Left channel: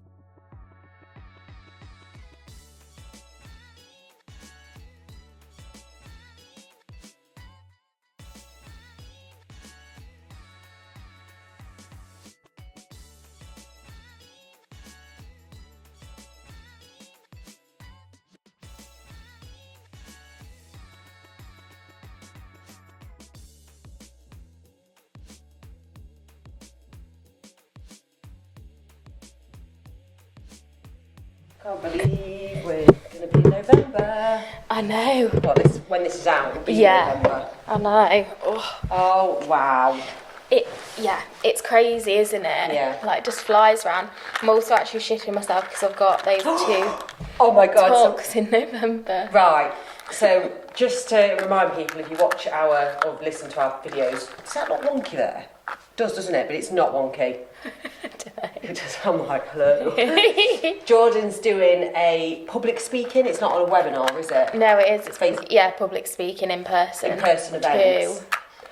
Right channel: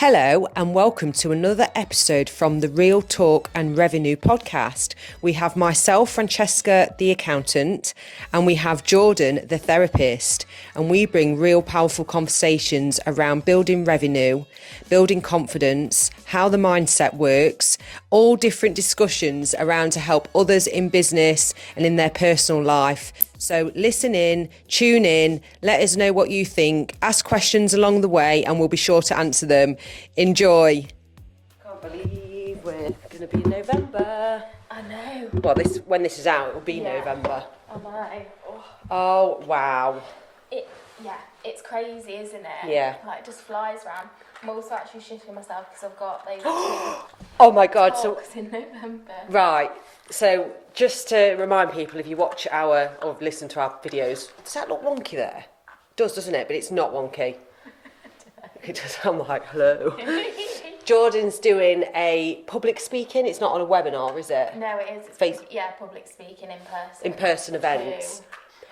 Hello and welcome to another episode from the Real Talk and Revenue podcast. We have myself, Francesca, the accountant, and we have Jordan, the therapist, and we bring real powerful conversations around building revenue, building confidence, how the mindset works, all different discussions around to help others in business and in their personal life. So listen in, tune in, let us know what you think, ask questions along the way and we'll be sure to answer them. Enjoy. Can't believe we're going to be in November. I know. Well, when this is out, it'll be November. I know. Oh, wow. It's crazy, isn't it? Yeah. Like, just flies round. I'm also actually shitting myself because I've got those two Oh my God. talks in November. Right. So, just to remind people, if you watch or listen to our videos, does that look wonky there? It does, doesn't it? But it's not wonky. I don't know. It does. I'm like, hello. Jordan's doing a public speaking. It's not on a webinar, is it? No, it is. It's public speaking in person. In-person events.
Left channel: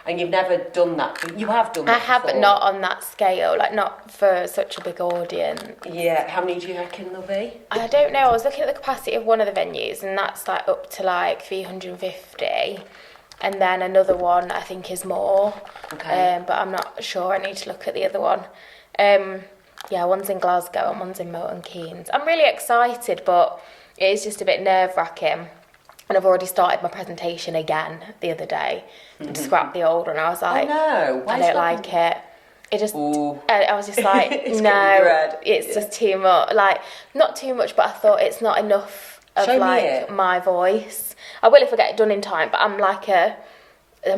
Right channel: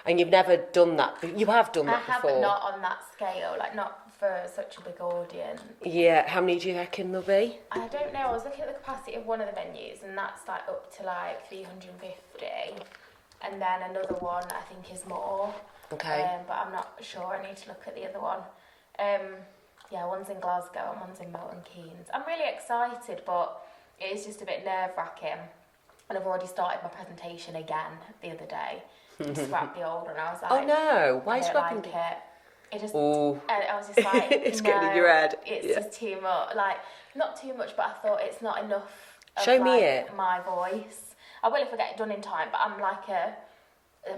And you've never done that. You have done that I have, but not on that scale. Like, not for such a big audience. Yeah. How many do you reckon there'll be? I don't know. I was looking at the capacity of one of the venues, and that's like up to like 350. And then another one I think is more. Okay. But I'm not sure. I need to look at the other one. One's in Glasgow and one's in Milton Keynes. I'm really excited, but it is just a bit nerve-wracking. And I've already started my presentation again the other day. And scrapped the old one. I was like, no. I don't like it. It just, I was just like, it's just too much. Like, not too much, but I thought it's not enough of my voice. I will if I get it done in time, but I'm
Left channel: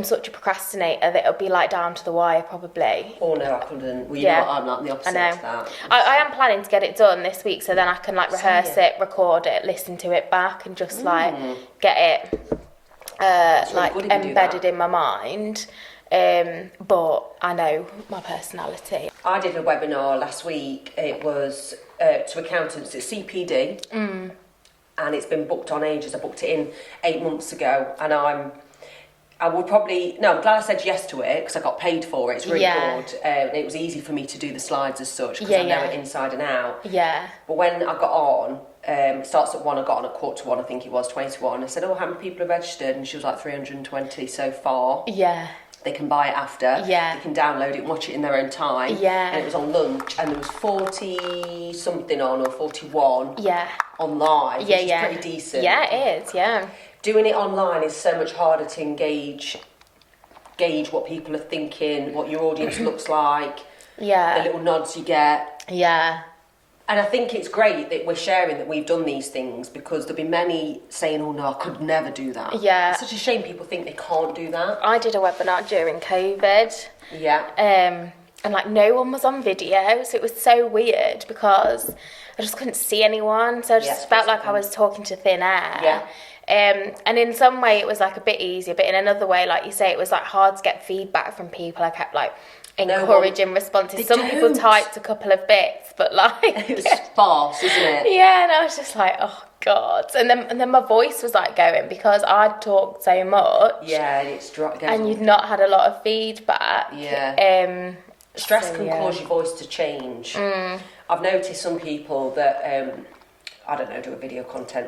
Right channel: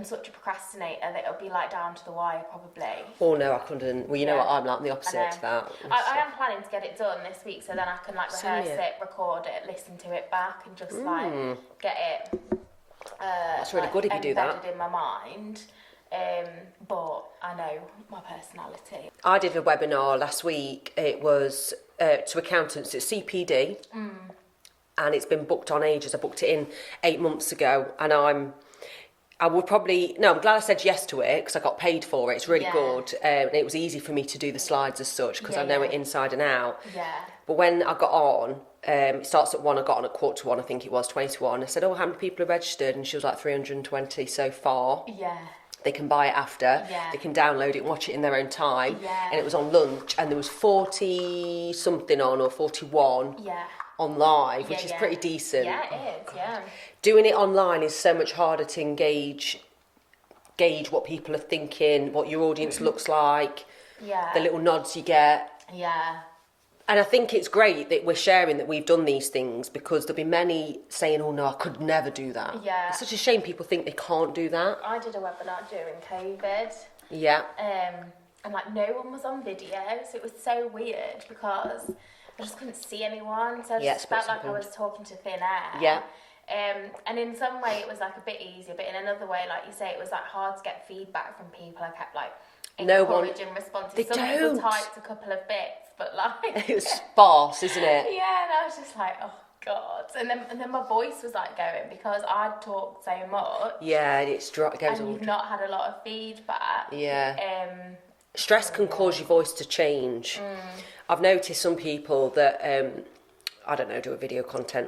such a procrastinator that it'll be like down to the wire probably. Oh no, I couldn't. Well, you know what, I'm like the opposite to that. I am planning to get it done this week, so then I can like rehearse it, record it, listen to it back, and just like get it embedded in my mind. But I know my personality. I did a webinar last week. It was to accountants. It's CPD, and it's been booked on ages. I booked it in 8 months ago, and I'm glad I said yes to it because I got paid for it. It's really good. It was easy for me to do the slides as such because I know it inside and out. Yeah. But when I got on, it starts at 1, I got on at 1:15, I think it was, 20 to 1. I said, how many people are registered? And she was like 320 so far. Yeah. They can buy it after. Yeah. They can download it and watch it in their own time. Yeah. And it was on lunch and there was 40 something on or 41 on live, which is pretty decent. Yeah, it is, yeah. Doing it online is so much harder to gauge what people are thinking, what your audience looks like, the little nods you get. Yeah. And I think it's great that we're sharing that we've done these things because there'll be many saying, oh no, I could never do that. Yeah. It's such a shame people think they can't do that. I did a webinar during COVID. Yeah. And like no one was on video, so it was so weird because I just couldn't see anyone. So I just felt like I was talking to thin air. Yeah. And in some way it was like a bit easier, but in another way, like you say, it was like hard to get feedback from people. I kept like encouraging responses. Some people typed a couple of bits, but like it's sparse, isn't it? Yeah, and I was just like, oh God. And then my voice was like going because I'd talked so much. Yeah, and it's and you'd not had a lot of feedback. Yeah. Stress can cause your voice to change. I've noticed some people that I don't know, do a video content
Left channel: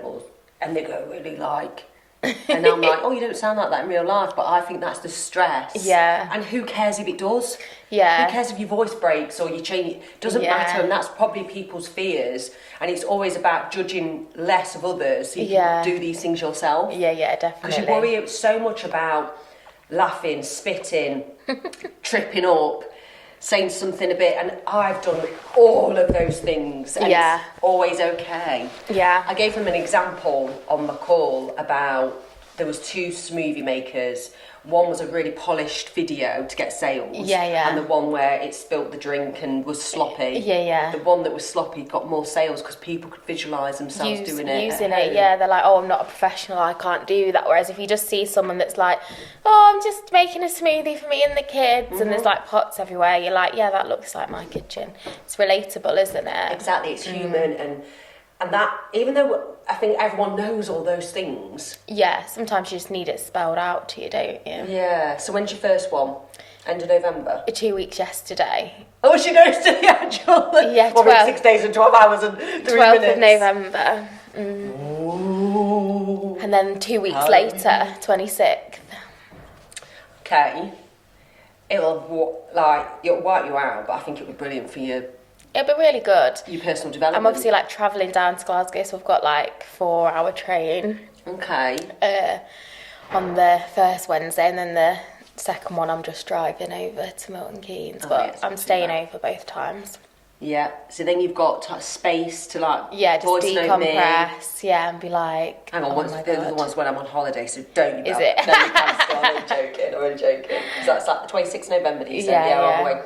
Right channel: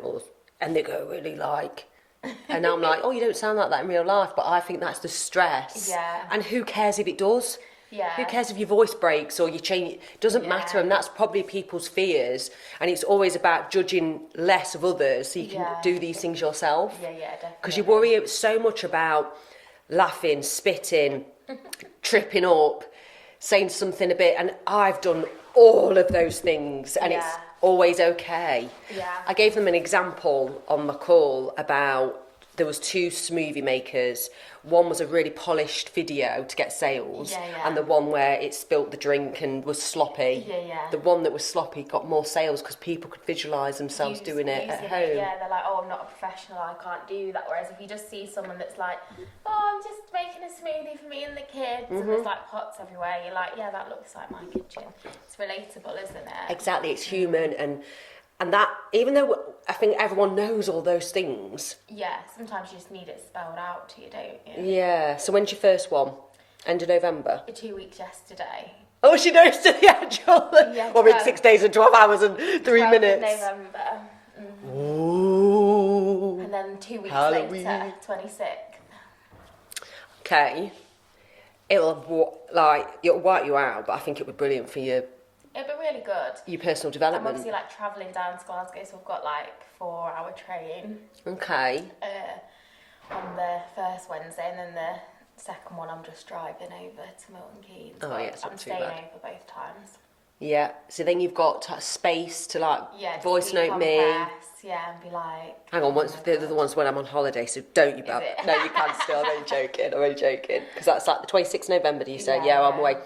and they go really like, and I'm like, oh, you don't sound like that in real life, but I think that's the stress. Yeah. And who cares if it does? Yeah. Who cares if your voice breaks or you change it? Doesn't matter, and that's probably people's fears. And it's always about judging less of others so you can do these things yourself. Yeah, definitely. Because you worry so much about laughing, spitting, tripping up, saying something a bit, and I've done all of those things, and it's always okay. Yeah. I gave them an example on the call about there was 2 smoothie makers. One was a really polished video to get sales. And the one where it spilt the drink and was sloppy. The one that was sloppy got more sales because people could visualise themselves doing it. Using it, they're like, oh, I'm not a professional, I can't do that. Whereas if you just see someone that's like, oh, I'm just making a smoothie for me and the kids, and there's like pots everywhere, you're like, yeah, that looks like my kitchen. It's relatable, isn't it? Exactly, it's human, and that, even though I think everyone knows all those things. Yeah, sometimes you just need it spelled out to you, don't you? Yeah, so when's your first one? End of November? 2 weeks yesterday. Oh, she knows the actual... Yeah, 6 days and 12 hours and 3 12th minutes. of November. Ooh. And then 2 weeks Halloween. later, 26th. Okay. It'll wipe you out, but I think it would be brilliant for your It'll be really good. personal development. I'm obviously like travelling down to Glasgow, so I've got like 4-hour train. Okay. On the first Wednesday, and then the second one I'm just driving over to Milton Keynes, but I'm staying over both times. Yeah, so then you've got space to like just voice note me. decompress, and be like, Hang on, they're the ones when I'm on holiday, so don't you? Is it? No, you can still. I'm only joking. Because that's like the 26th of November. That you said, I'm away.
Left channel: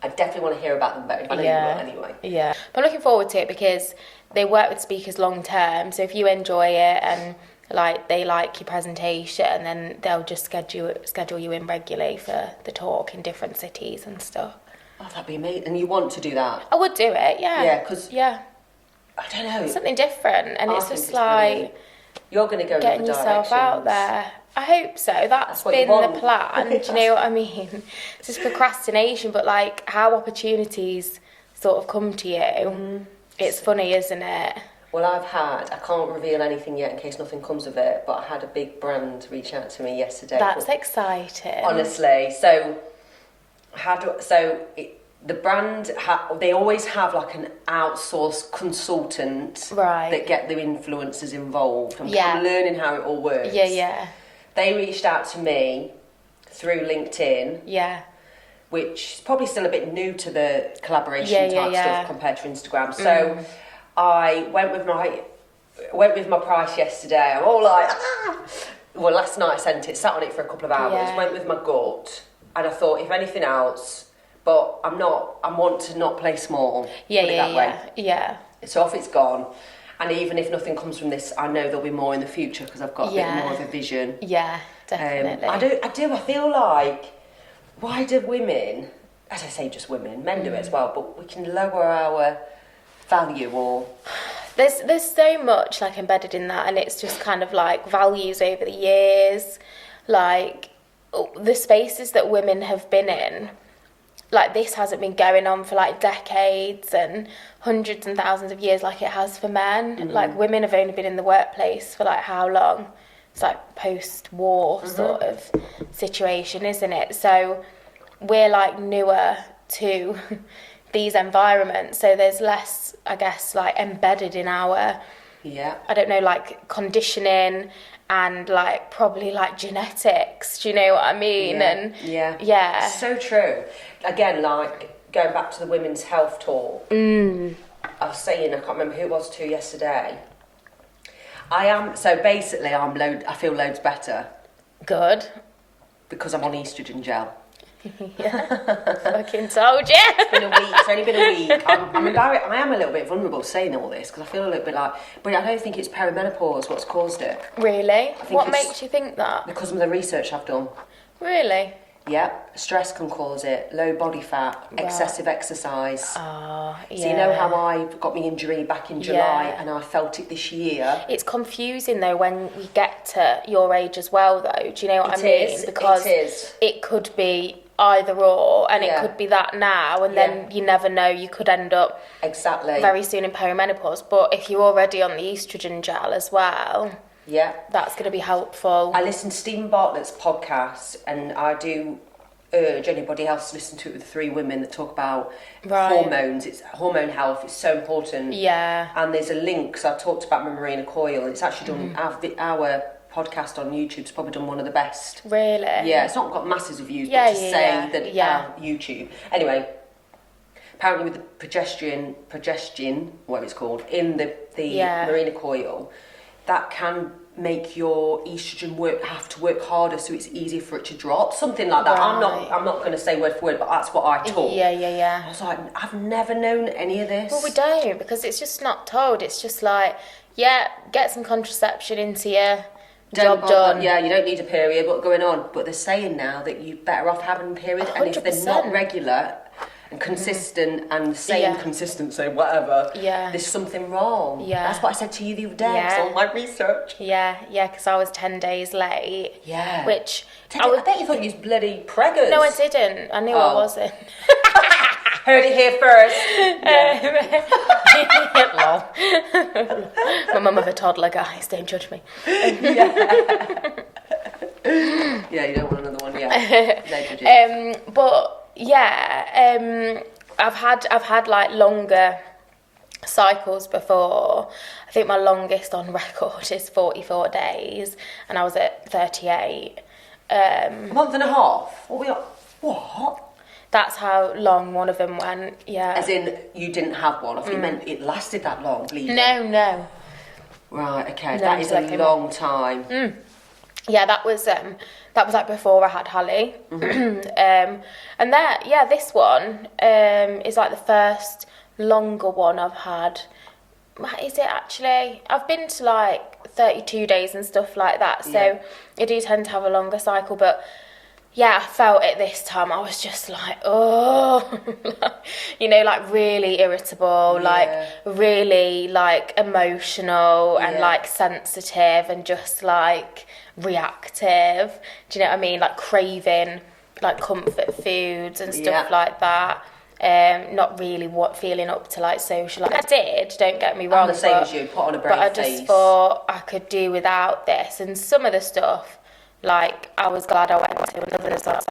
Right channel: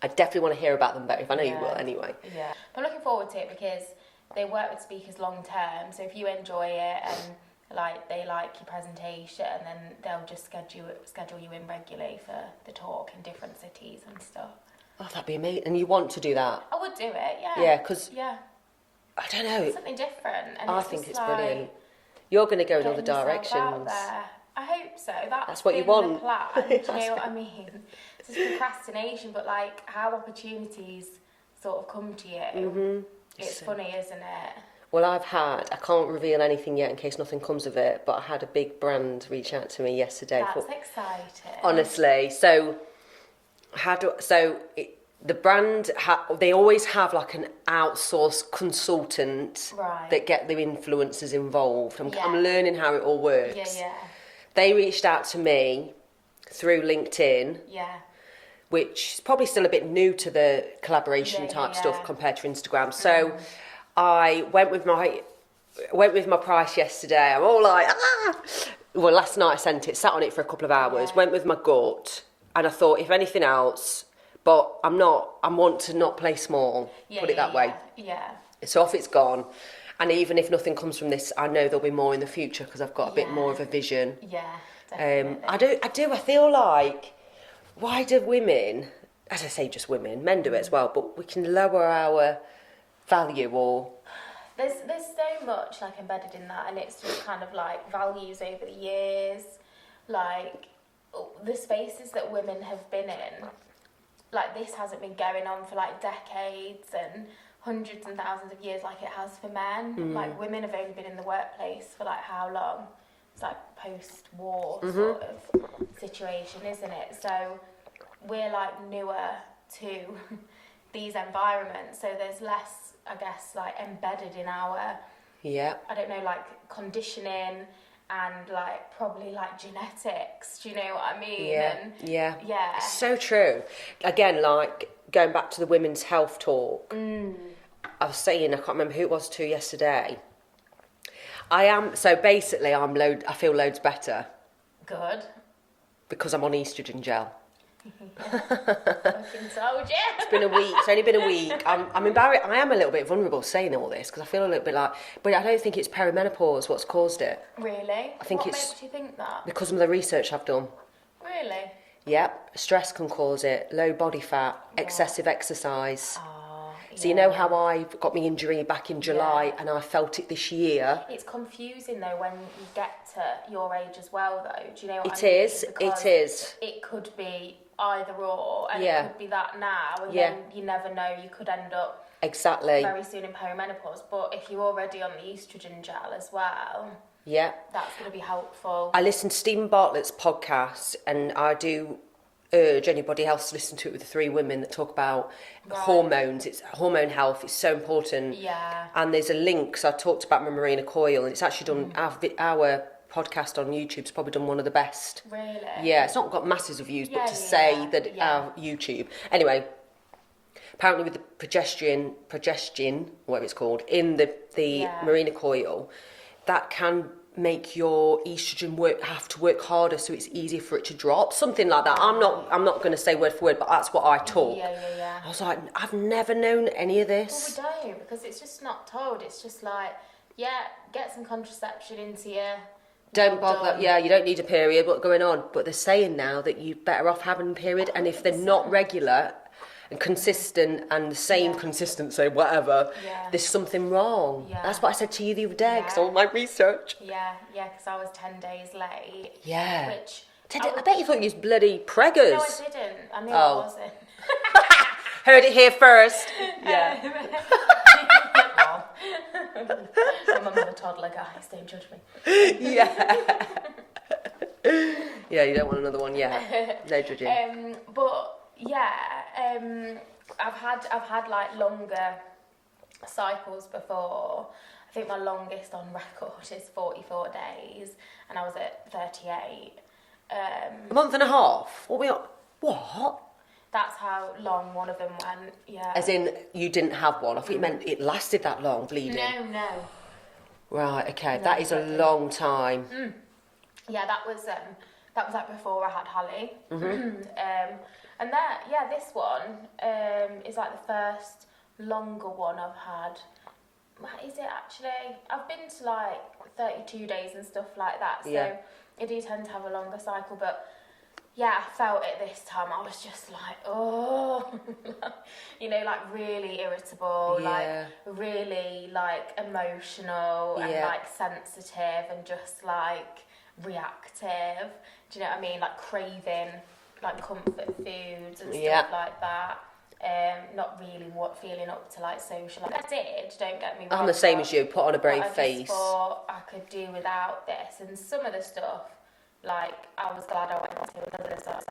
I definitely want to hear about them both. I know you will anyway. Yeah, but I'm looking forward to it because they work with speakers long term. So if you enjoy it and like they like your presentation, then they'll just schedule you in regularly for the talk in different cities and stuff. Oh, that'd be amazing. And you want to do that? I would do it, yeah. Yeah, because... Yeah. I don't know. It's something different, and it's just like... Brilliant. You're going to go in getting other yourself out there. I hope so. That's been the plan. Do you know what I mean? It's just procrastination, but like how opportunities sort of come to you. Mm-hmm. It's funny, isn't it? Well, I can't reveal anything yet in case nothing comes of it, but I had a big brand reach out to me yesterday. That's exciting. Honestly. So, the brand, they always have like an outsourced consultant that get the influencers involved. I'm learning how it all works. Yeah. They reached out to me through LinkedIn. Yeah. Which is probably still a bit new to the collaboration type stuff compared to Instagram. So I went with my price yesterday. I'm all like, Well, last night I sent it, sat on it for a couple of hours, went with my gut, and I thought, if anything else, but I want to not play small. Put it that way. Yeah. So off it's gone. And even if nothing comes from this, I know there'll be more in the future because I've got a bit more of a vision. Yeah, definitely. I feel like, why do women, as I say just women, men do it as well, but we can lower our value or... There's so much like embedded in that, and it's just kind of like values over the years, like the spaces that women have been in. Like this hasn't been going on for like decades and hundreds and thousands of years like it has for men. Like women have only been in the workplace for like how long? It's like post-war sort of situation, isn't it? So we're like newer to these environments, so there's less, I guess, like embedded in our I don't know, like conditioning and like probably like genetics, do you know what I mean? So true. Again, like going back to the women's health talk, I was saying, I can't remember who it was to yesterday, I feel loads better. Good. Because I'm on estrogen gel. Fucking told you. It's been a week. It's only been a week. I'm embarrassed. I am a little bit vulnerable saying all this because I feel a little bit like, but I don't think it's perimenopause what's caused it. Really? What makes you think that? Because of the research I've done. Really? Yeah, stress can cause it, low body fat, excessive exercise. So you know how I got my injury back in July and I felt it this year? It's confusing though when you get to your age as well though, do you know what I mean? Because it could be either or, and it could be that now, and then you never know, you could end up very soon in perimenopause. But if you're already on the estrogen gel as well, that's going to be helpful. I listen to Stephen Bartlett's podcast, and I do urge anybody else to listen to it with the three women that talk about hormones. It's hormone health. It's so important. And there's a link. So I talked about my Marina coil, and it's actually done our podcast on YouTube's probably done one of the best. Really? Yeah, it's not got masses of views, but to say that our YouTube. Anyway, apparently with the progestin, whatever it's called, in the Marina coil, that can make your estrogen have to work harder, so it's easier for it to drop. Something like that. I'm not going to say word for word, but that's what I taught. Yeah. I was like, I've never known any of this. Well, we don't, because it's just not told. It's just like, get some contraception into you. Job done. Yeah, you don't need a period. What's going on? But they're saying now that you're better off having a period, 100%. And if they're not regular, and consistent and the same consistency, whatever, there's something wrong. Yeah. That's what I said to you the other day, because all my research. Yeah, because I was 10 days late. Yeah. Which... I bet you thought you was bloody preggers. No, I didn't. I knew I wasn't. Heard it here first. Lol. My mum of a toddler, guys, don't judge me. Yeah, you don't want another one, yeah. No judging. But yeah, I've had like longer cycles before. I think my longest on record is 44 days, and I was at 38. A month and a half? What? That's how long one of them went, yeah. As in, you didn't have one? I thought you meant it lasted that long, bleeding. No. Right, okay. No, that is a long time. Yeah, that was like before I had Hallie. And this one is like the first longer one I've had. Is it actually? I've been to like 32 days and stuff like that, so I do tend to have a longer cycle, but yeah, I felt it this time. I was just like, oh, like really irritable, like really like emotional and like sensitive and just like reactive. Do you know what I mean? Like craving like comfort foods and stuff like that. Not really feeling up to like social. Like, I did, don't get me wrong. I'm the same as you, put on a brave face. But I just thought I could do without this. And some of the stuff, like, I was glad I went to, and others I was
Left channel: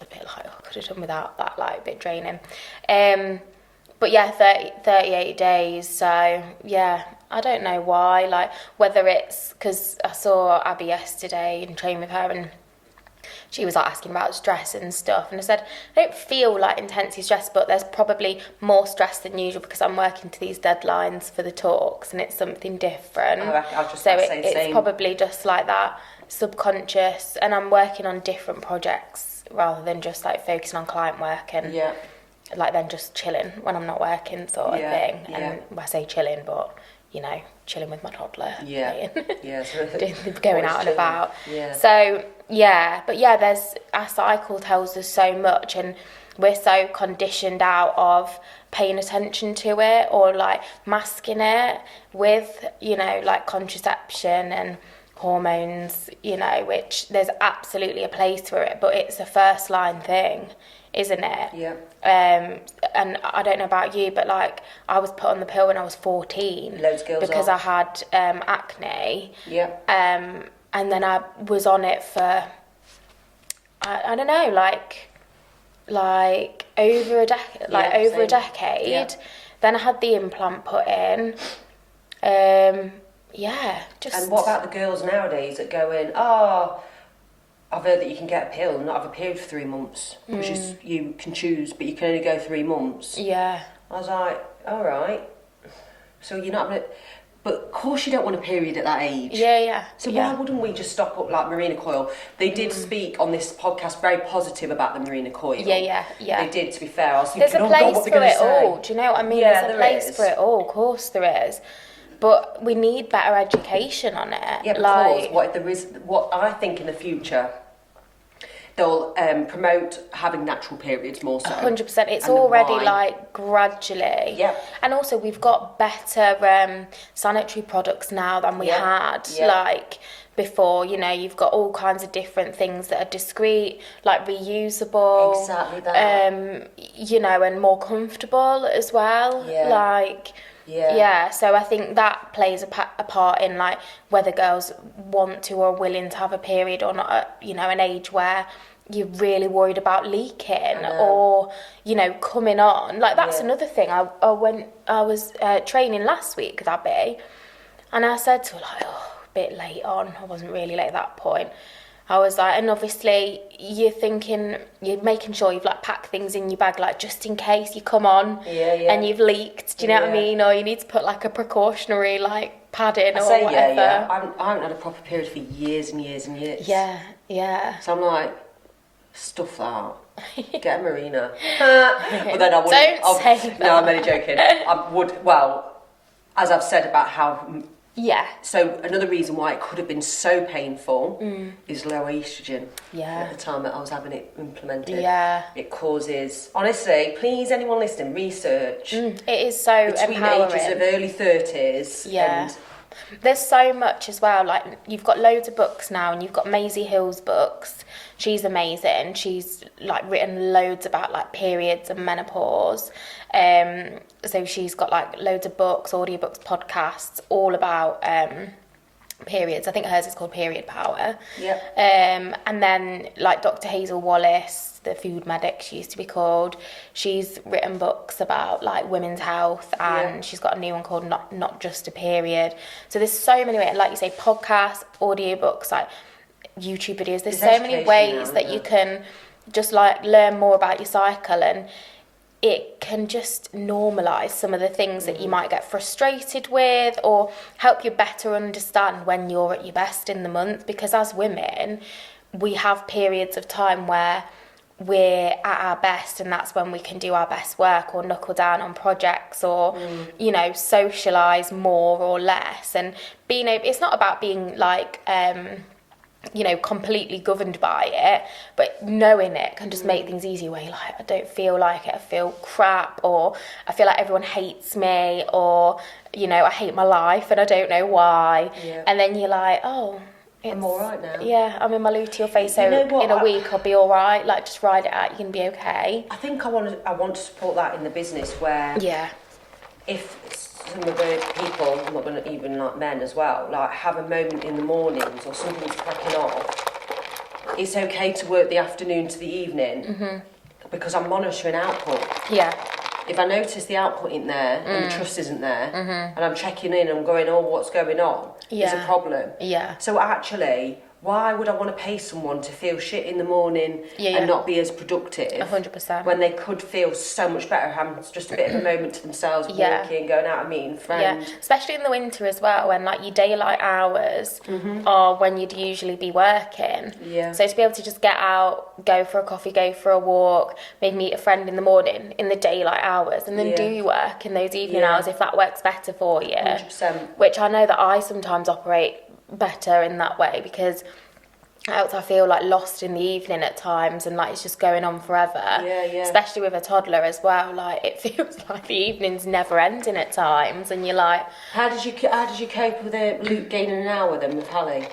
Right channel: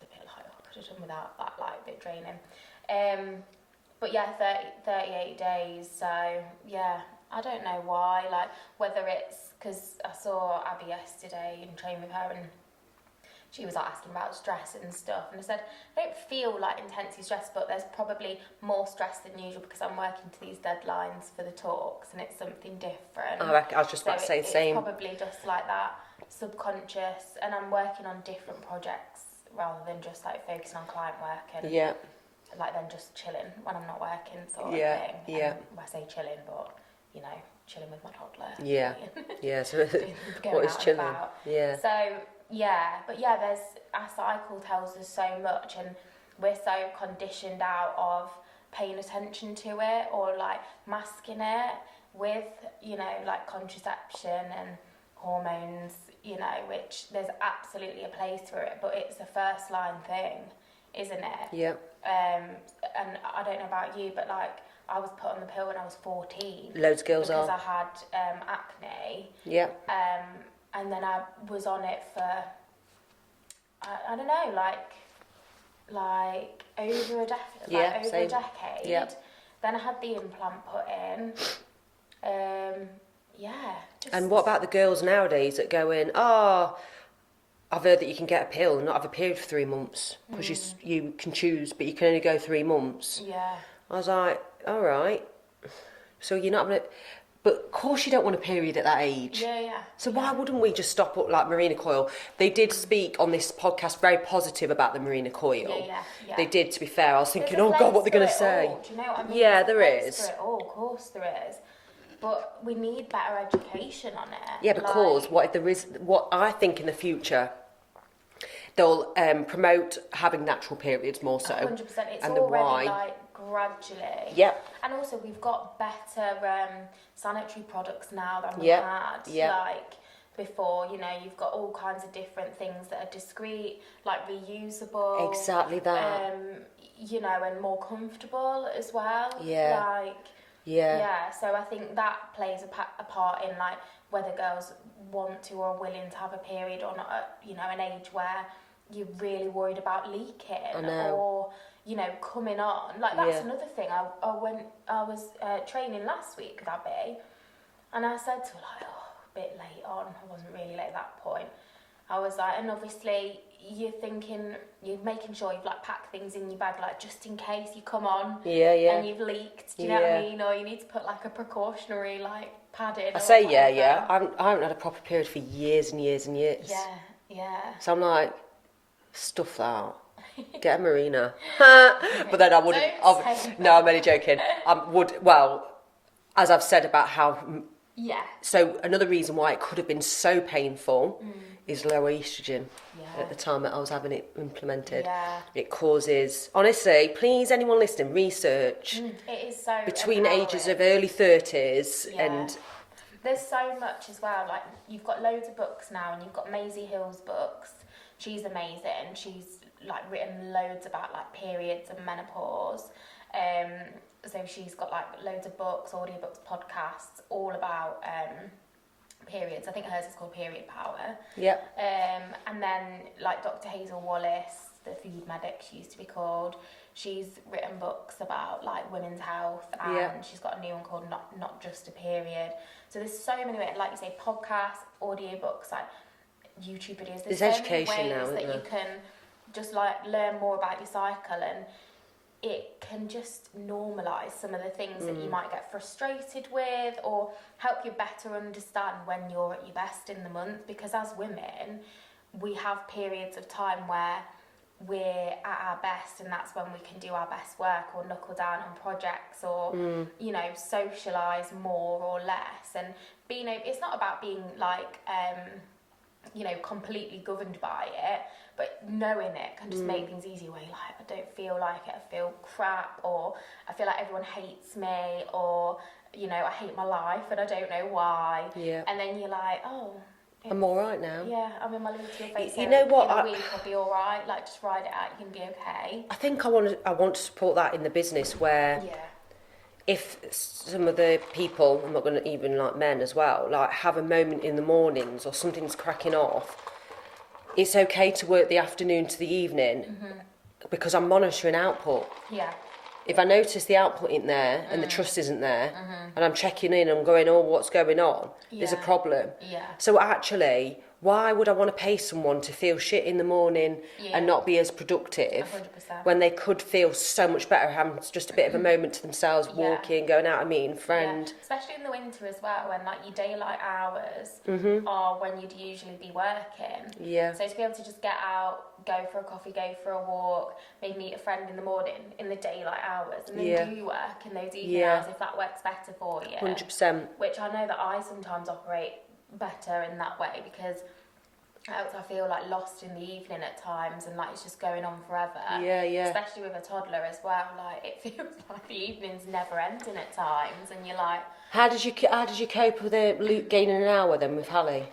a bit like, I could have done without that, like, a bit draining. But yeah, 38 days, so yeah, I don't know why, like, whether it's, because I saw Abby yesterday and trained with her, and she was like asking about stress and stuff, and I said, I don't feel like intensely stressed, but there's probably more stress than usual because I'm working to these deadlines for the talks, and it's something different. I was just about to say the same. It's probably just like that subconscious, and I'm working on different projects rather than just like focusing on client work and like then just chilling when I'm not working sort of thing. And I say chilling, but chilling with my toddler. Going out and about. So our cycle tells us so much, and we're so conditioned out of paying attention to it or like masking it with like contraception and hormones, which there's absolutely a place for it, but it's a first line thing, isn't it? And I don't know about you, but like I was put on the pill when I was 14. Loads of girls because I had acne. And then I was on it for I don't know, like over a decade. Then I had the implant put in. Just. And what about the girls nowadays that go in? I've heard that you can get a pill and not have a period for 3 months, because you can choose, but you can only go 3 months. Yeah. I was like, all right. So you're not gonna. But of course you don't want a period at that age. So why wouldn't we just stock up like Marina coil? They did speak on this podcast very positive about the Marina coil. They did, to be fair. I was thinking, there's a place what they're going to say. All. Do you know what I mean? There's a place for it all. Of course there is. But we need better education on it. Yeah, because what I think in the future, they'll promote having natural periods more so. 100%. It's already like gradually. Yeah. And also we've got better sanitary products now than we had. Like before, you've got all kinds of different things that are discreet, like reusable. Exactly that. And more comfortable as well. So I think that plays a part in like whether girls want to or willing to have a period or not at, an age where you're really worried about leaking or, coming on. Like that's another thing. I was training last week with Abby, and I said to her like, a bit late on. I wasn't really late at that point. I was like, and obviously you're making sure you've like packed things in your bag, like just in case you come on and you've leaked, do you know what I mean? Or you need to put like a precautionary like padding or whatever. I haven't had a proper period for years and years and years. So I'm like, stuff that. Get a Marina. But then I wouldn't. Don't say that. No, I'm only joking. I would, as I've said about how Yeah. So another reason why it could have been so painful is low estrogen. Yeah. At the time that I was having it implemented. Yeah. It causes, honestly, please anyone listening, research. It is so Between empowering. the ages of early 30s Yeah. and... There's so much as well. Like, you've got loads of books now, and you've got Maisie Hill's books. She's amazing. She's like written loads about like periods and menopause. So she's got like loads of books, audiobooks, podcasts, all about periods. I think hers is called Period Power. Yeah. And then like Dr. Hazel Wallace, the food medic she used to be called, she's written books about like women's health, and she's got a new one called Not Just a Period. So there's so many ways, like you say, podcasts, audiobooks, like YouTube videos. There's so many ways that you can just like learn more about your cycle, and it can just normalise some of the things that you might get frustrated with, or help you better understand when you're at your best in the month. Because as women, we have periods of time where we're at our best, and that's when we can do our best work, or knuckle down on projects, or you know, socialise more or less. And being able, it's not about being like you know, completely governed by it, but knowing it can just make things easier, where you're like, I don't feel like it, I feel crap, or I feel like everyone hates me, or you know, I hate my life and I don't know why. And then you're like, oh, I'm all right now. Yeah, I'm in my luteal phase, so You know what? in a week I'll be all right. Like, just ride it out, you're going to be okay. I think I want to support that in the business, where if some of the people, I'm not going to, even like men as well, like have a moment in the mornings or something's cracking off, it's okay to work the afternoon to the evening, because I'm monitoring output. Yeah. If I notice the output isn't there and the trust isn't there, and I'm checking in and I'm going, oh, what's going on? There's a problem. Yeah. So actually, why would I want to pay someone to feel shit in the morning and not be as productive? 100%. When they could feel so much better having just a bit of a moment to themselves, walking, going out, friend. Yeah, especially in the winter as well, when like your daylight hours are when you'd usually be working. Yeah. So to be able to just get out, go for a coffee, go for a walk, maybe meet a friend in the morning in the daylight hours, and then do your work in those evening hours if that works better for you. 100%. Which I know that I sometimes operate better in that way, because else I feel like lost in the evening at times, and like it's just going on forever. Especially with a toddler as well, like it feels like the evening's never ending at times, and you're like, how did you cope with Luke gaining an hour then with Hallie?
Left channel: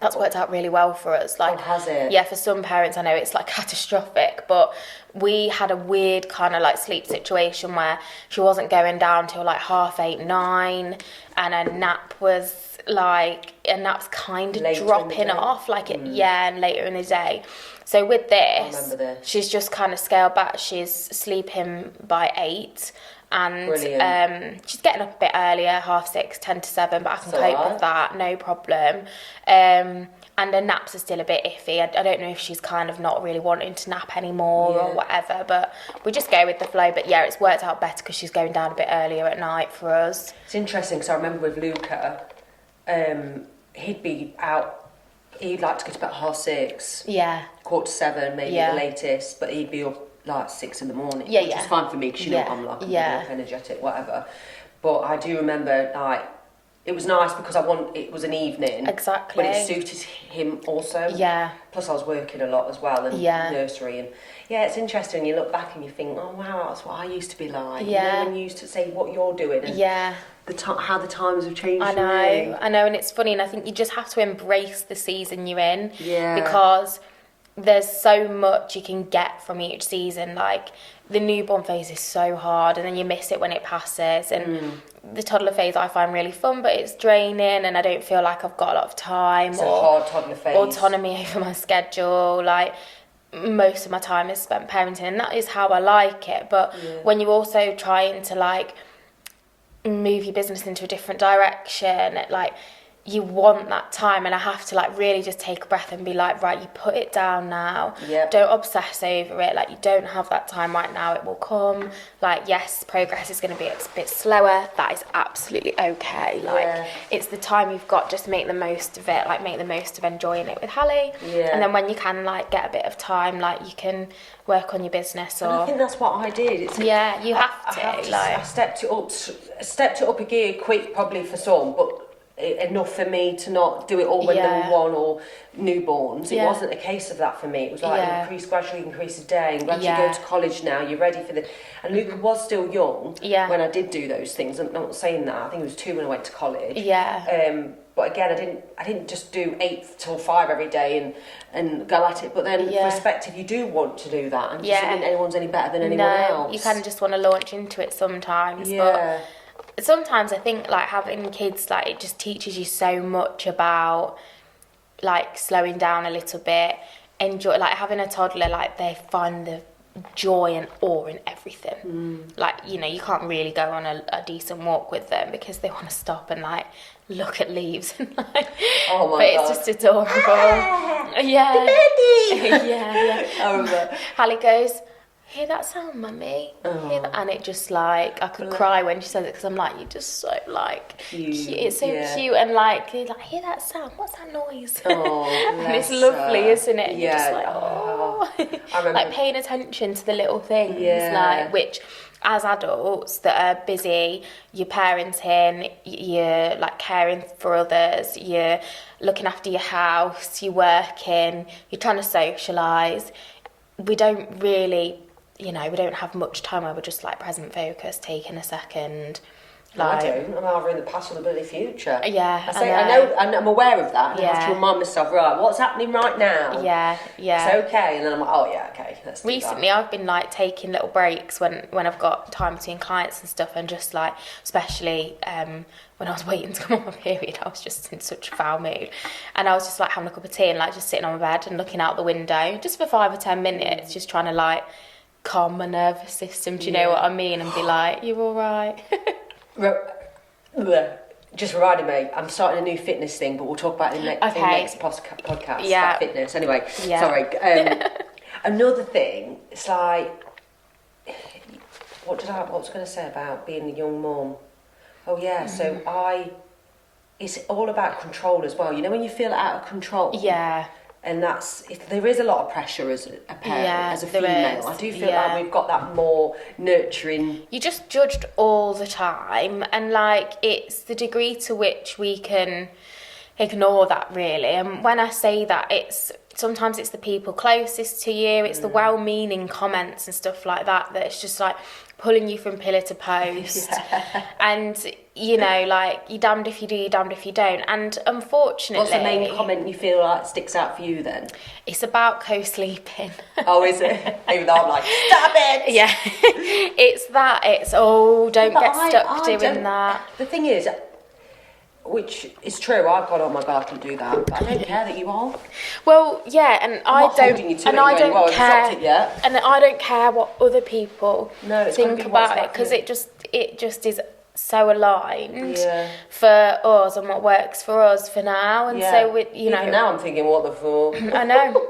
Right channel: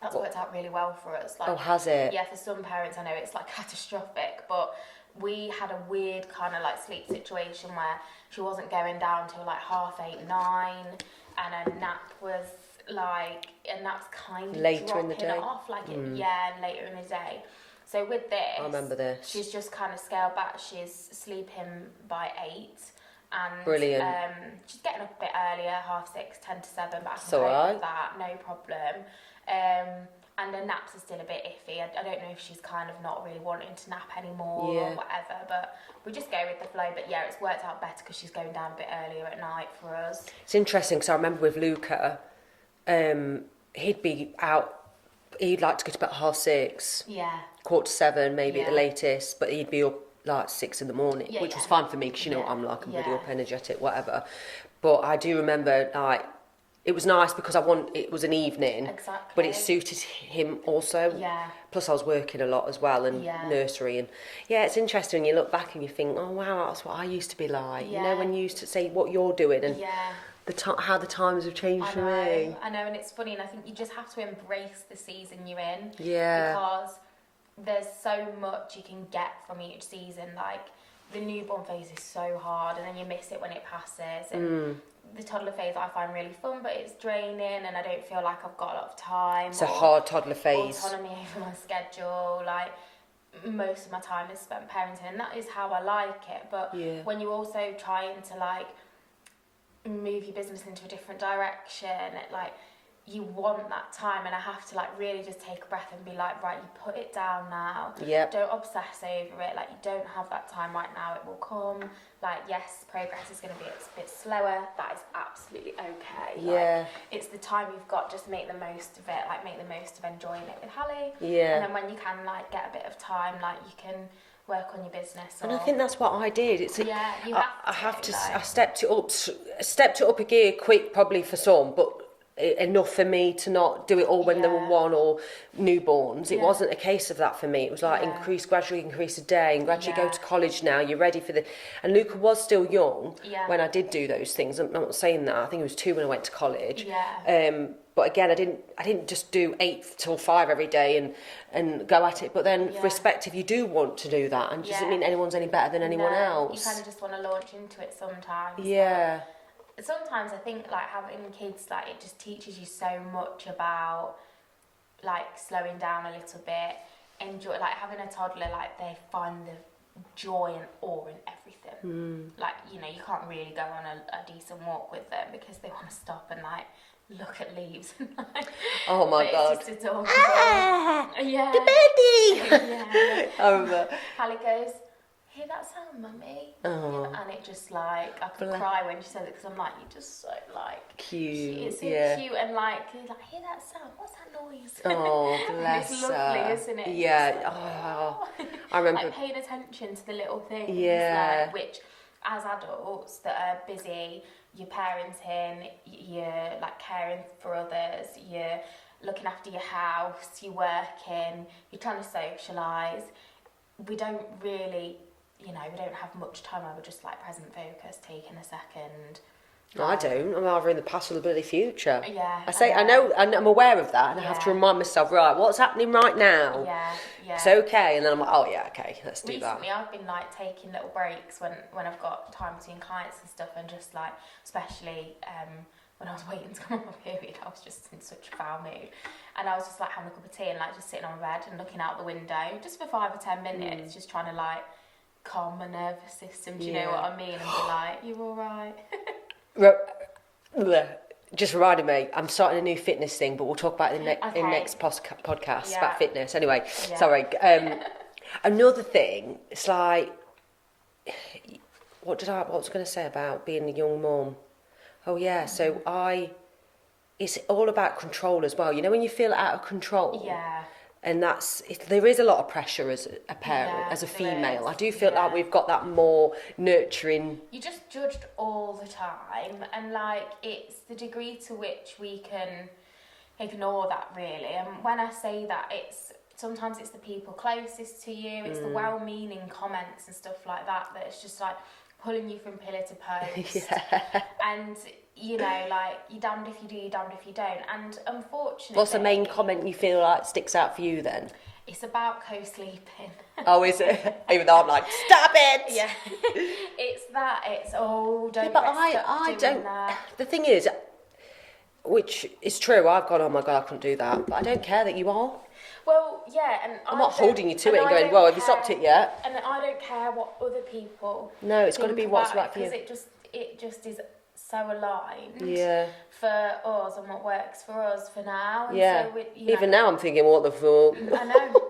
That's worked out really well for us. Like, has it? Yeah, for some parents I know it's like catastrophic, but we had a weird kind of like sleep situation where she wasn't going down till like 8:30, 9, and her nap's kind of later dropping off, like and later in the day. So with this, I remember this. She's just kind of scaled back. She's sleeping by 8, and she's getting up a bit earlier, 6:30, 10 to 7, but I can cope with that, no problem. And her naps are still a bit iffy. I don't know if she's kind of not really wanting to nap anymore or whatever, but we just go with the flow. But yeah, it's worked out better because she's going down a bit earlier at night for us. It's interesting, because I remember with Luca, he'd be out, he'd like to go to bed at 6:30, 7:15, maybe the latest, but he'd be up like 6 in the morning, which is fine for me, because you know I'm like, I'm up, energetic, whatever. But I do remember, like, it was nice because it was an evening, but it suited him also. Plus I was working a lot as well, and nursery, and it's interesting. You look back and you think, oh wow, that's what I used to be like. You know, when you used to say what you're doing, and how the times have changed. I know, and it's funny, and I think you just have to embrace the season you're in, because there's so much you can get from each season. Like, the newborn phase is so hard, and then you miss it when it passes, and the toddler phase I find really fun, but it's draining, and I don't feel like I've got a lot of time. It's a hard toddler phase. Autonomy over my schedule, like most of my time is spent parenting, and that is how I like it. But when you're also trying to like move your business into a different direction, like, you want that time, and I have to like really just take a breath and be like, right, you put it down now. Don't obsess over it. Like, you don't have that time right now, it will come. Like, yes, progress is going to be a bit slower, that is absolutely okay. Like, it's the time you've got, just make the most of it, like make the most of enjoying it with Hallie. And then when you can like get a bit of time, like you can work on your business. Or and I think that's what I did. You have to. I stepped it up a gear quick, probably for some, but enough for me to not do it all when they were 1 or newborns. It wasn't a case of that for me. It was like gradually increase a day, and gradually go to college now, you're ready for the... And Luca was still young when I did do those things. I'm not saying that. I think he was 2 when I went to college. But again, I didn't just do 8 till 5 every day and go at it. But then respect if you do want to do that, and doesn't mean anyone's any better than anyone else. You kind of just want to launch into it sometimes. But sometimes I think like having kids, like it just teaches you so much about like slowing down a little bit, enjoy, like having a toddler, like they find the joy and awe in everything. Like, you know, you can't really go on a decent walk with them because they want to stop and like look at leaves and like, oh my but God. it's just adorable. The baby. I remember. Hallie goes, hear that sound, mummy? Hear that? And it just like, I could cry when she says it because I'm like, you're just so like cute. It's so cute, and like, you're like, hear that sound? What's that noise? And it's lovely, isn't it? You're just like, I remember like paying attention to the little things, like which as adults that are busy, you're parenting, you're like caring for others, you're looking after your house, you're working, you're trying to socialise. We don't really, you know, we don't have much time where we're just like present focus, taking a second. Like, I don't. I'm either in the past or the bloody future. Yeah, I know, and I'm aware of that. I have to remind myself, right, what's happening right now? Yeah. It's okay, and then I'm like, oh yeah, okay, let's do Recently, that. I've been like taking little breaks when I've got time between clients and stuff, and just like, especially when I was waiting to come on my period, I was just in such a foul mood, and I was just like having a cup of tea and like just sitting on my bed and looking out the window just for 5 or 10 minutes, just trying to like calm my nervous system. Do you know what I mean? And be like, you're all right. Just reminded me, I'm starting a new fitness thing, but we'll talk about it in next podcast about fitness. Anyway, sorry. Another thing, it's like, what was I going to say about being a young mum? Oh yeah, so it's all about control as well. You know when you feel out of control? Yeah. And there is a lot of pressure as a parent, as a female. I do feel like we've got that more nurturing. You're just judged all the time, and like it's the degree to which we can ignore that, really. And when I say that, sometimes it's the people closest to you, it's the well-meaning comments and stuff like that it's just like pulling you from pillar to post. And you know, like, you're damned if you do, you're damned if you don't. And unfortunately... What's the main comment you feel like sticks out for you then? It's about co-sleeping. Oh, is it? Even though I'm like, stop it! Yeah. It's that. It's, don't get stuck doing that. The thing is, which is true, I've gone, oh my God, I can do that. But I don't care that you are. Well, yeah, and I'm not holding you to it in any way. I've it yet. And I don't care what other people think about it, because it just is so aligned for us and what works for us for now. And so you know, even now I'm thinking, what the fuck? I know.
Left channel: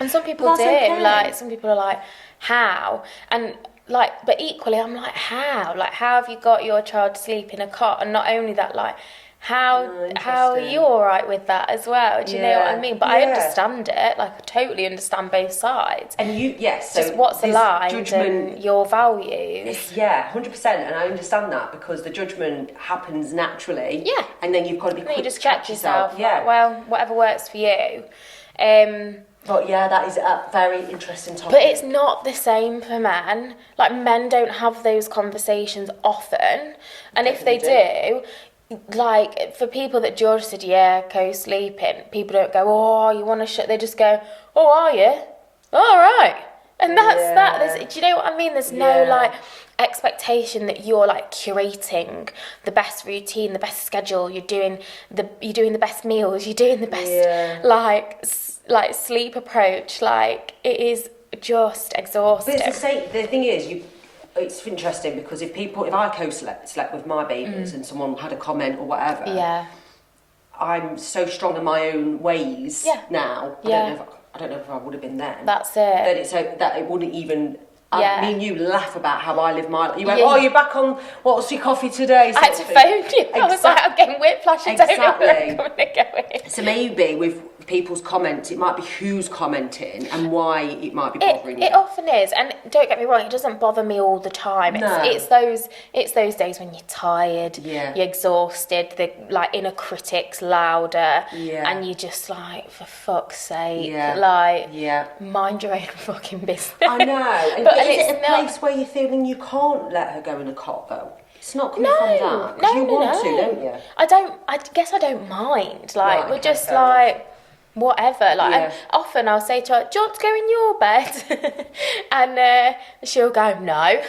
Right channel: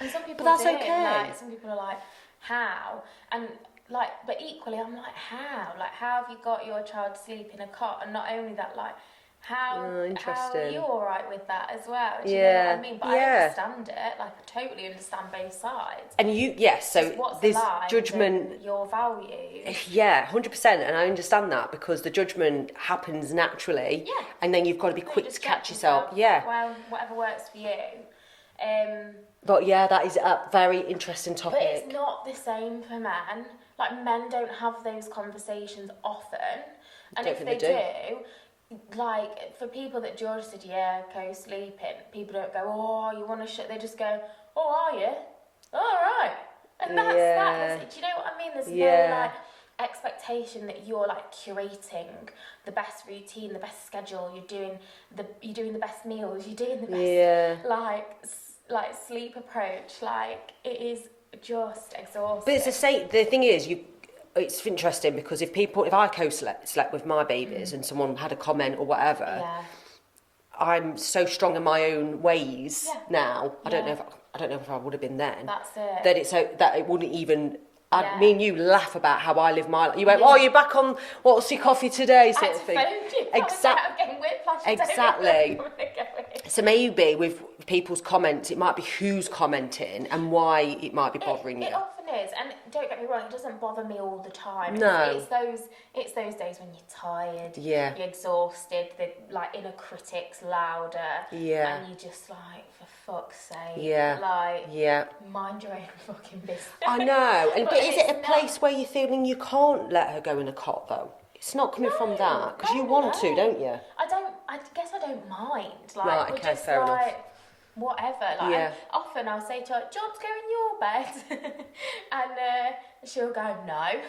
And some people do. Okay. Like, some people are like, how? And like, but equally, I'm like, how? Like, how have you got your child to sleep in a cot? And not only that, like, how are you all right with that as well? Do you know what I mean? But I understand it. Like, I totally understand both sides. And so just what's aligned judgment, and your values. Yeah, 100%. And I understand that, because the judgment happens naturally. Yeah. And then you've got to be quick to just check yourself. Yeah. Like, well, whatever works for you. But yeah, that is a very interesting topic. But it's not the same for men. Like, men don't have those conversations often. And if they do, like, for people that George said, co-sleeping, people don't go, oh, you want to shut, they just go, oh, are you? All right. And that's that. Do you know what I mean? There's no, like, expectation that you're, like, curating the best routine, the best schedule, you're doing the best meals, you're doing the best, like sleep approach. Like, it is just exhausting. But it's the thing is, it's interesting, because if I co-slept with my babies and someone had a comment or whatever, I'm so strong in my own ways now. I don't know if I would have been then. That's it. That it wouldn't even. Me and you laugh about how I live my life. You went, oh, you're back on, what's your coffee today? I had to phone you. I was like, I'm getting whiplash. I don't know where I'm going. So maybe with people's comments, it might be who's commenting and why it might be bothering you. It often is, and don't get me wrong, it doesn't bother me all the time. It's those days when you're tired, you're exhausted, the like inner critic's louder, and you're just like, for fuck's sake, mind your own fucking business. I know. But is it a place where you're feeling you can't let her go in a cot though? It's not coming from that. Because you want to, don't you? I guess I don't mind. Like, we're just like, whatever. Like, and often I'll say to her, do you want to go in your bed? And she'll go, no.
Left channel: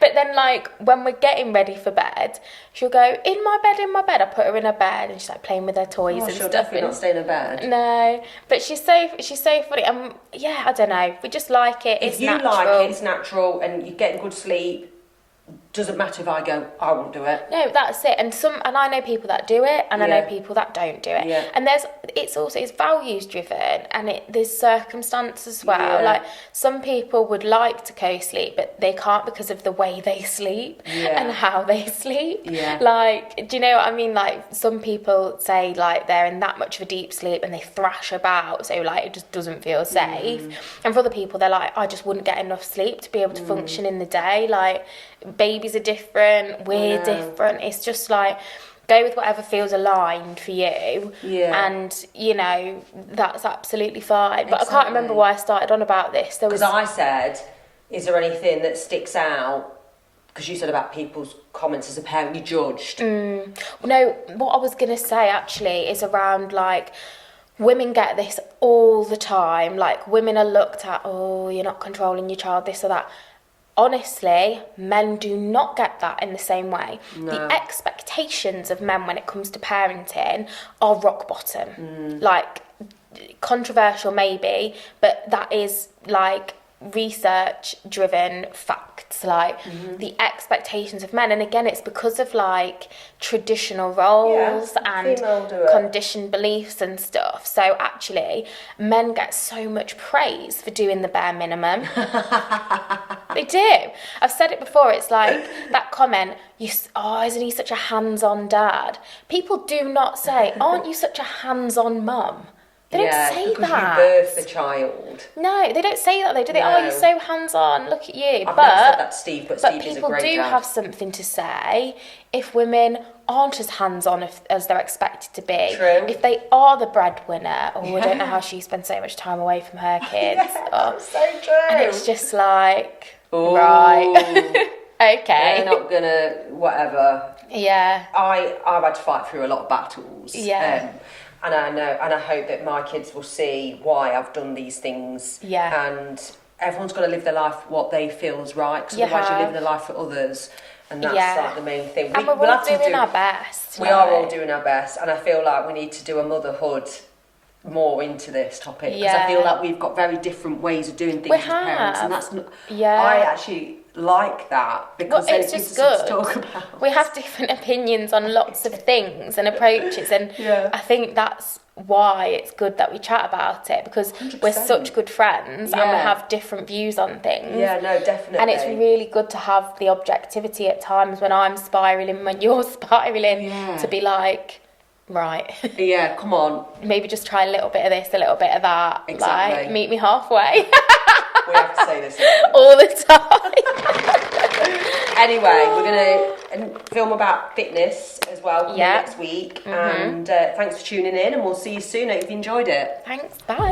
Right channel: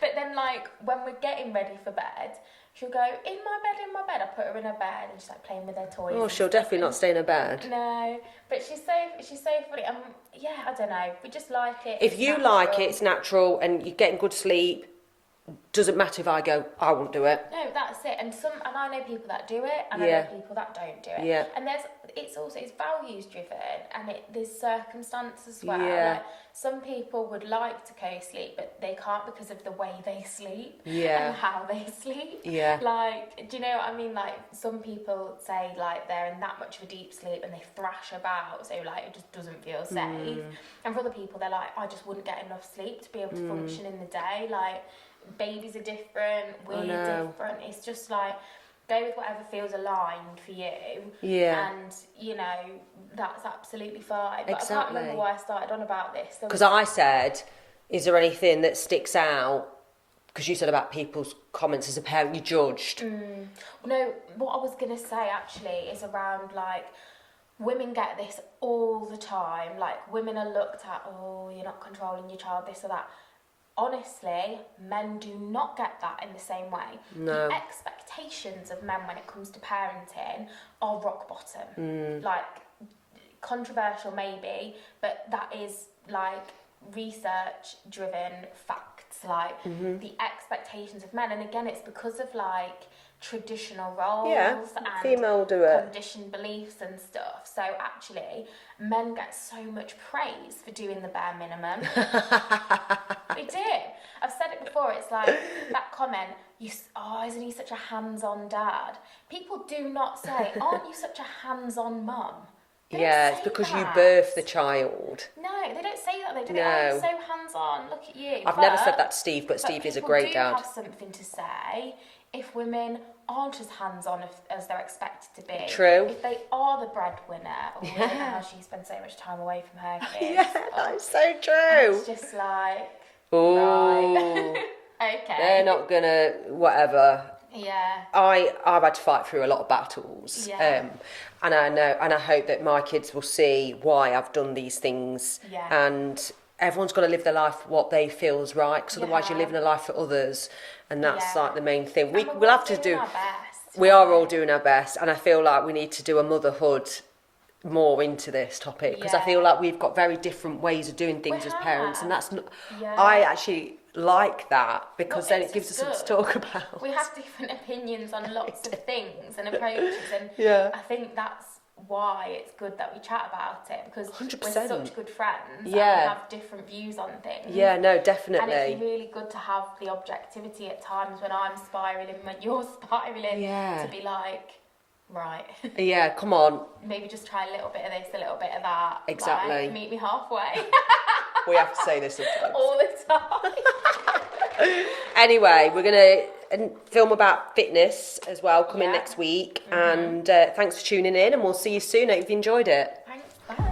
But then, like, when we're getting ready for bed, she'll go, in my bed. I put her in her bed and she's like playing with her toys and she'll stuff. Definitely not stay in her bed. No. But she's so funny. I don't know. We just like it. If you like it, it's natural and you're getting good sleep. Doesn't matter if I go, I won't do it. No, that's it. And I know people that do it, and I know people that don't do it. Yeah. And it's values driven, and there's circumstance as well. Like, some people would like to co-sleep, but they can't because of the way they sleep and how they sleep. Yeah. Like, do you know what I mean? Like, some people say like they're in that much of a deep sleep and they thrash about, so like it just doesn't feel safe. And for other people, they're like, I just wouldn't get enough sleep to be able to function in the day. Like, babies are different, we're different. It's just like, go with whatever feels aligned for you. Yeah. And, you know, that's absolutely fine. But I can't remember why I started on about this. Because I said, is there anything that sticks out? Because you said about people's comments as a parent, you judged. No, what I was going to say actually is around, like, women get this all the time. Like, women are looked at, oh, you're not controlling your child, this or that. Honestly, men do not get that in the same way. No. The expectations of men when it comes to parenting are rock bottom. Like, controversial maybe, but that is like research driven facts. Like, the expectations of men, and again, it's because of like traditional roles and conditioned beliefs and stuff. So actually, men get so much praise for doing the bare minimum. They do. I've said it before. It's like that comment, isn't he such a hands-on dad? People do not say, aren't you such a hands-on mum? They don't say because that. You birthed the child. No, they don't say that though, do they? No. Oh, you're so hands-on, look at you. I've never said that to Steve, but Steve is a great dad. People do have something to say if women aren't as hands-on as they're expected to be. True. If they are the breadwinner, I don't know how she spends so much time away from her kids. That's so true. And it's just like, right, okay. They're not gonna, whatever. Yeah. I've had to fight through a lot of battles. Yeah. And I know, and I hope that my kids will see why I've done these things. Yeah. And everyone's got to live their life what they feel is right, because otherwise you're living a life for others, and that's like the main thing. We'll have to do our best. We are all doing our best, and I feel like we need to do a motherhood more into this topic, because I feel like we've got very different ways of doing things as parents, and that's not. Yeah. I actually like that, because then it gives us something to talk about. We have different opinions on lots of things and approaches, and I think that's why it's good that we chat about it, because 100%. We're such good friends and we have different views on things. Yeah, no, definitely. And it's really good to have the objectivity at times when I'm spiralling, when you're spiralling, to be like, right. Yeah, come on. Maybe just try a little bit of this, a little bit of that. Exactly. Like, meet me halfway. We have to say this all the time. Anyway, we're going to film about fitness as well next week. And thanks for tuning in, and we'll see you soon. I hope you enjoyed it. Thanks. Bye.